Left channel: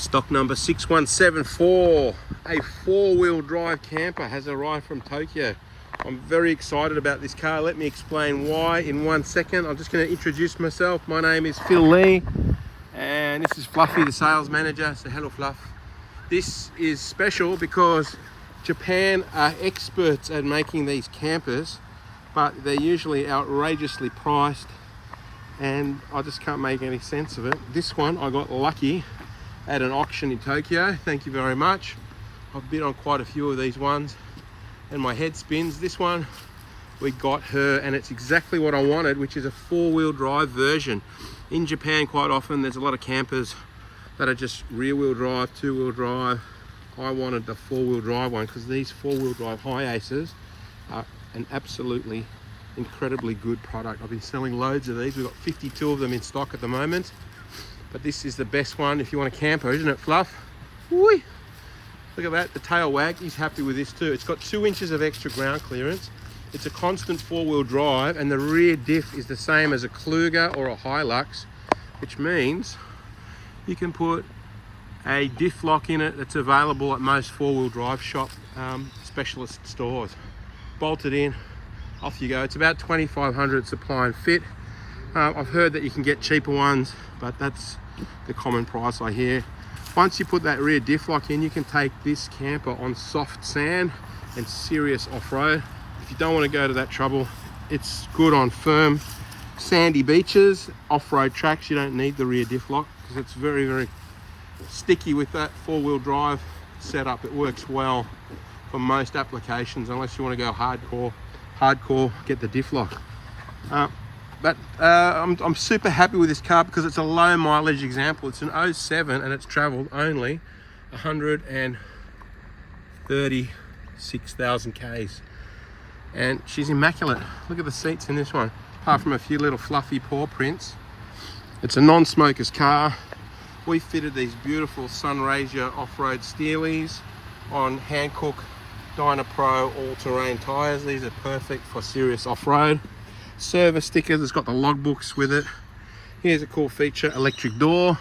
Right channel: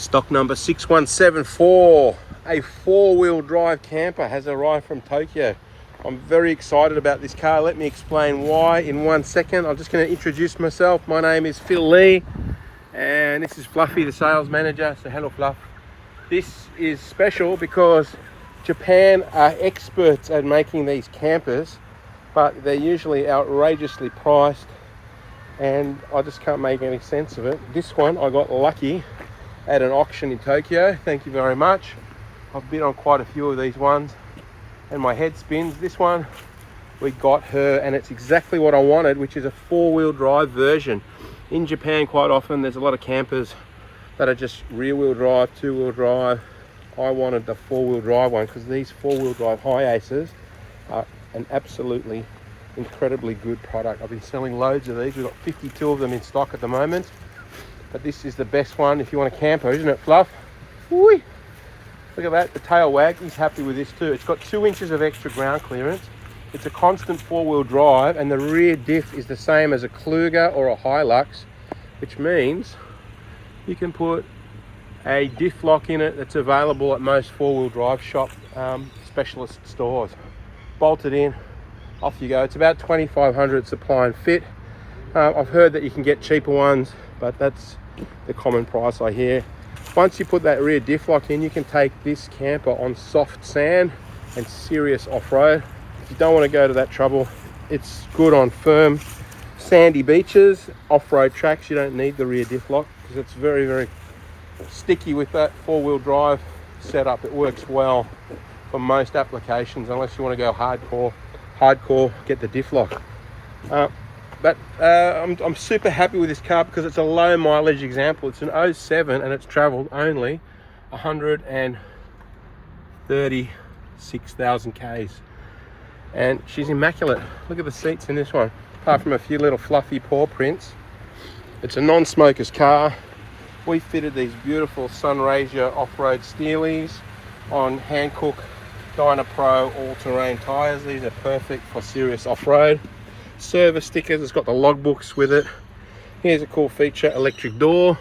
Stock number 6174, a four-wheel drive camper has arrived from Tokyo. I'm very excited about this car. Let me explain why in 1 second. I'm just going to introduce myself. My name is Phil Lee and this is Fluffy, the sales manager. So hello Fluff. This is special because Japan are experts at making these campers, but they're usually outrageously priced and I just can't make any sense of it. This one I got lucky at an auction in Tokyo. Thank you very much. I've bid on quite a few of these ones and my head spins. This one we got her and it's exactly what I wanted, which is a four-wheel drive version. In Japan quite often there's a lot of campers that are just rear-wheel drive, two-wheel drive. I wanted the four-wheel drive one because these four-wheel drive Hiaces are an absolutely incredibly good product. I've been selling loads of these. We've got 52 of them in stock at the moment, but this is the best one if you want a camper, isn't it Fluff? Whee! Look at that, the tail wag. He's happy with this too. It's got 2 inches of extra ground clearance. It's a constant four-wheel drive and the rear diff is the same as a Kluger or a Hilux, which means you can put a diff lock in it that's available at most four-wheel drive shop specialist stores. Bolt it in, off you go. It's about 2,500 supply and fit. I've heard that you can get cheaper ones, but that's the common price I hear. Once you put that rear diff lock in, you can take this camper on soft sand and serious off-road. If you don't want to go to that trouble, it's good on firm sandy beaches, off-road tracks. You don't need the rear diff lock because it's very, very sticky with that four-wheel drive setup. It works well for most applications unless you want to go hardcore, get the diff lock. I'm super happy with this car because it's a low mileage example. It's an 07 and it's traveled only 136,000 Ks. And she's immaculate. Look at the seats in this one. Apart from a few little fluffy paw prints, it's a non-smoker's car. We fitted these beautiful SunRiseCars off-road steelies on Hankook Dyna Pro all-terrain tires. These are perfect for serious off-road. Service stickers, it's got the logbooks with it. Here's a cool feature, electric door.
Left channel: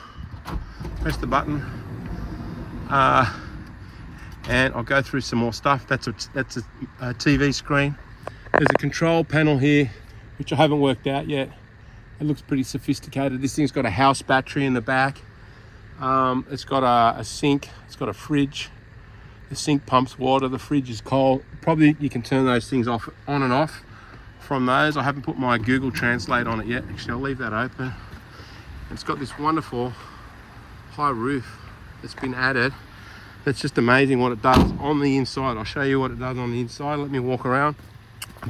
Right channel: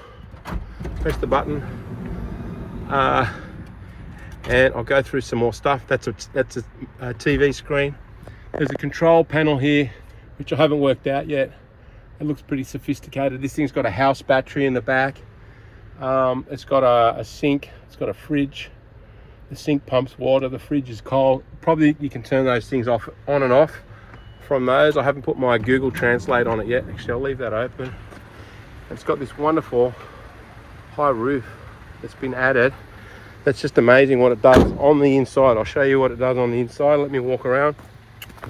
Press the button and I'll go through some more stuff. That's a TV screen. There's a control panel here which I haven't worked out yet. It looks pretty sophisticated. This thing's got a house battery in the back. It's got a sink, it's got a fridge. The sink pumps water, the fridge is cold. Probably you can turn those things off, on and off from those. I haven't put my Google Translate on it yet. Actually, I'll leave that open. It's got this wonderful high roof that's been added. That's just amazing what it does on the inside. I'll show you what it does on the inside. Let me walk around.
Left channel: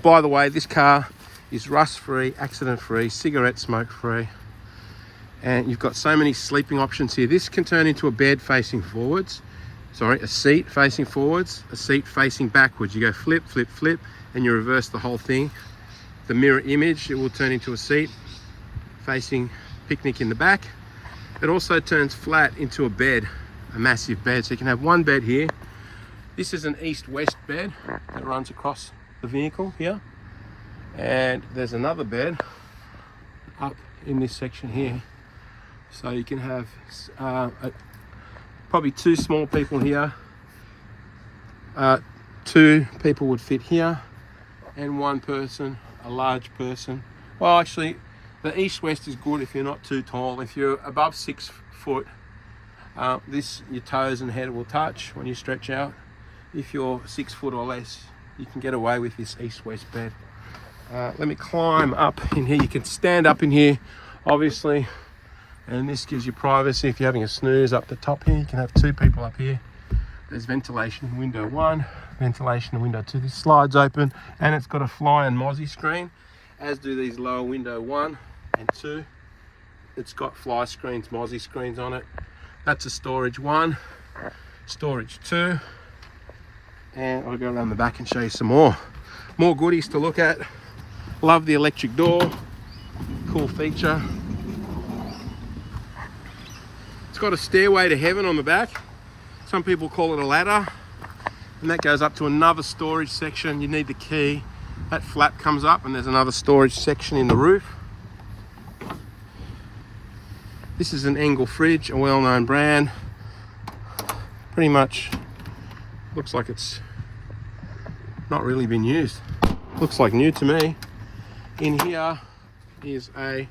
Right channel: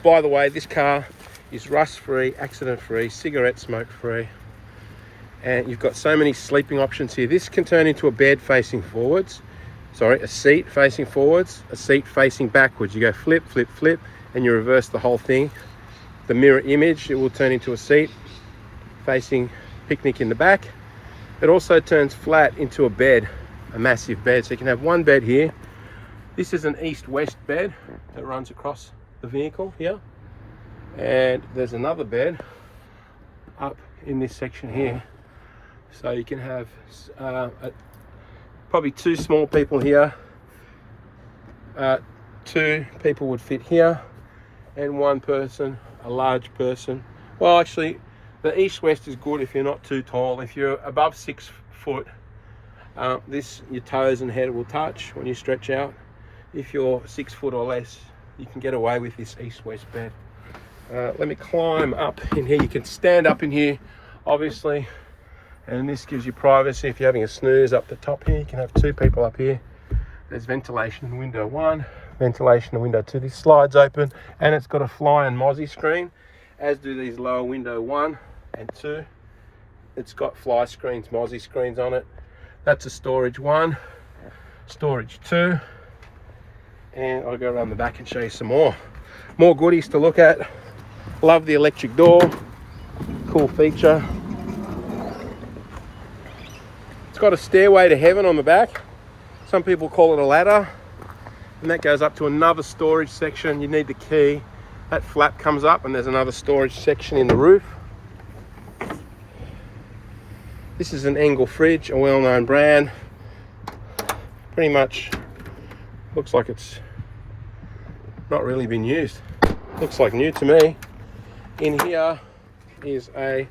By the way, this car is rust-free, accident-free, cigarette smoke-free. And you've got so many sleeping options here. This can turn into a bed facing forwards. Sorry, a seat facing forwards, a seat facing backwards. You go flip, flip, flip, and you reverse the whole thing. The mirror image, it will turn into a seat facing picnic in the back. It also turns flat into a bed, a massive bed. So you can have one bed here. This is an east-west bed that runs across the vehicle here. And there's another bed up in this section here. So you can have probably 2 small people here. 2 people would fit here, and 1 person, a large person. Well, actually, the east-west is good if you're not too tall. If you're above 6 foot, your toes and head will touch when you stretch out. If you're 6 foot or less, you can get away with this east-west bed. Let me climb up in here. You can stand up in here, obviously. And this gives you privacy. If you're having a snooze up the top here, you can have 2 people up here. There's ventilation in window 1, ventilation in window 2. This slides open and it's got a fly and mozzie screen, as do these lower window 1 and 2. It's got fly screens, mozzie screens on it. That's a storage 1, storage 2. And I'll go around the back and show you some more goodies to look at. Love the electric door, cool feature. It's got a stairway to heaven on the back. Some people call it a ladder, and that goes up to another storage section. You need the key. That flap comes up and there's another storage section in the roof. This is an Engel fridge, a well-known brand. pretty much looks like it's not really been used. Looks like new to me. In here is a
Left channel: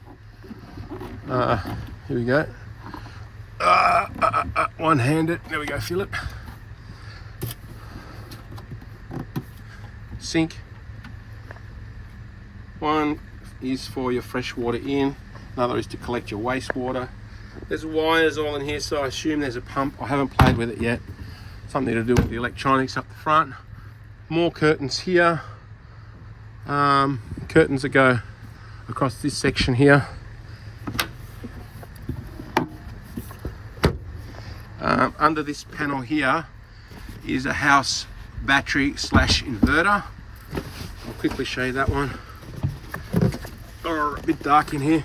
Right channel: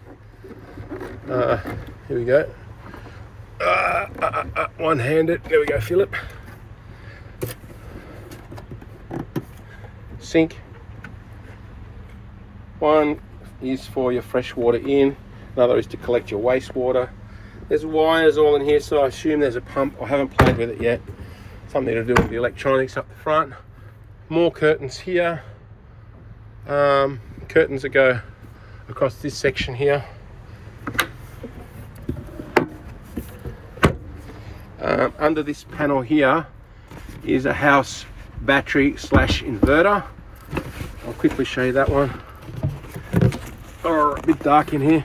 here we go, one-handed, there we go, Philip, sink. One is for your fresh water in, another is to collect your wastewater. There's wires all in here, so I assume there's a pump. I haven't played with it yet. Something to do with the electronics up the front. More curtains here. Curtains that go across this section here. Under this panel here is a Hiace battery slash inverter. I'll quickly show you that one. Oh, a bit dark in here.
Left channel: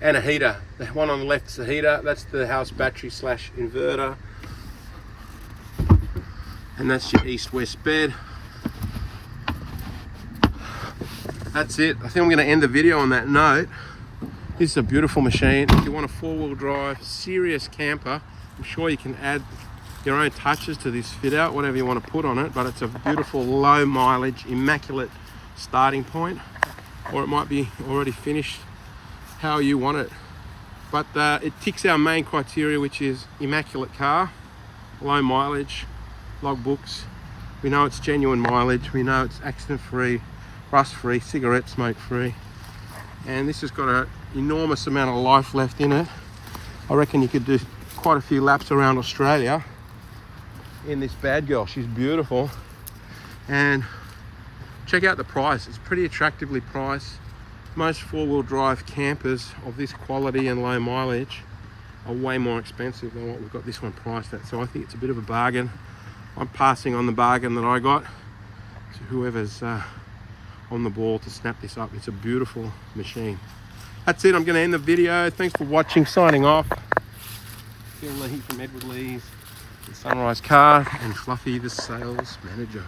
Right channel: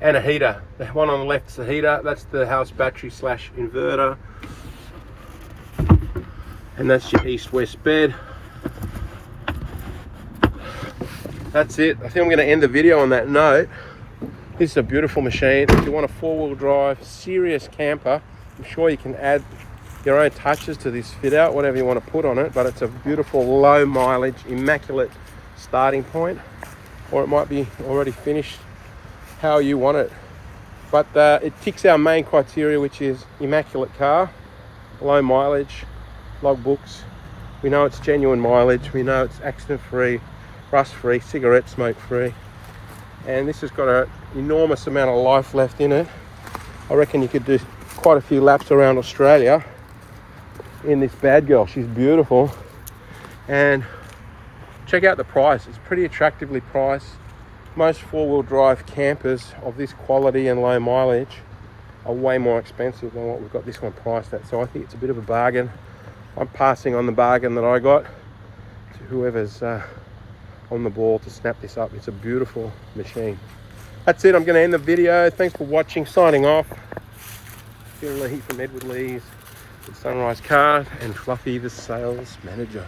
And a heater. The one on the left is the heater. That's the Hiace battery slash inverter. And that's your east-west bed. That's it. I think I'm going to end the video on that note. This is a beautiful machine. If you want a four-wheel drive, serious camper, I'm sure you can add your own touches to this fit out, whatever you want to put on it, but it's a beautiful, low mileage, immaculate starting point, or it might be already finished how you want it. But it ticks our main criteria, which is immaculate car, low mileage, logbooks. We know it's genuine mileage. We know it's accident-free, rust-free, cigarette smoke-free. And this has got an enormous amount of life left in it. I reckon you could do quite a few laps around Australia in this bad girl. She's beautiful. And check out the price. It's pretty attractively priced. Most four-wheel drive campers of this quality and low mileage are way more expensive than what we've got this one priced at. So I think it's a bit of a bargain. I'm passing on the bargain that I got to whoever's on the ball to snap this up. It's a beautiful machine. That's it. I'm going to end the video. Thanks for watching. Signing off. Feeling the heat from Edward Lee's, the SunRIseCars, and Fluffy, the sales manager.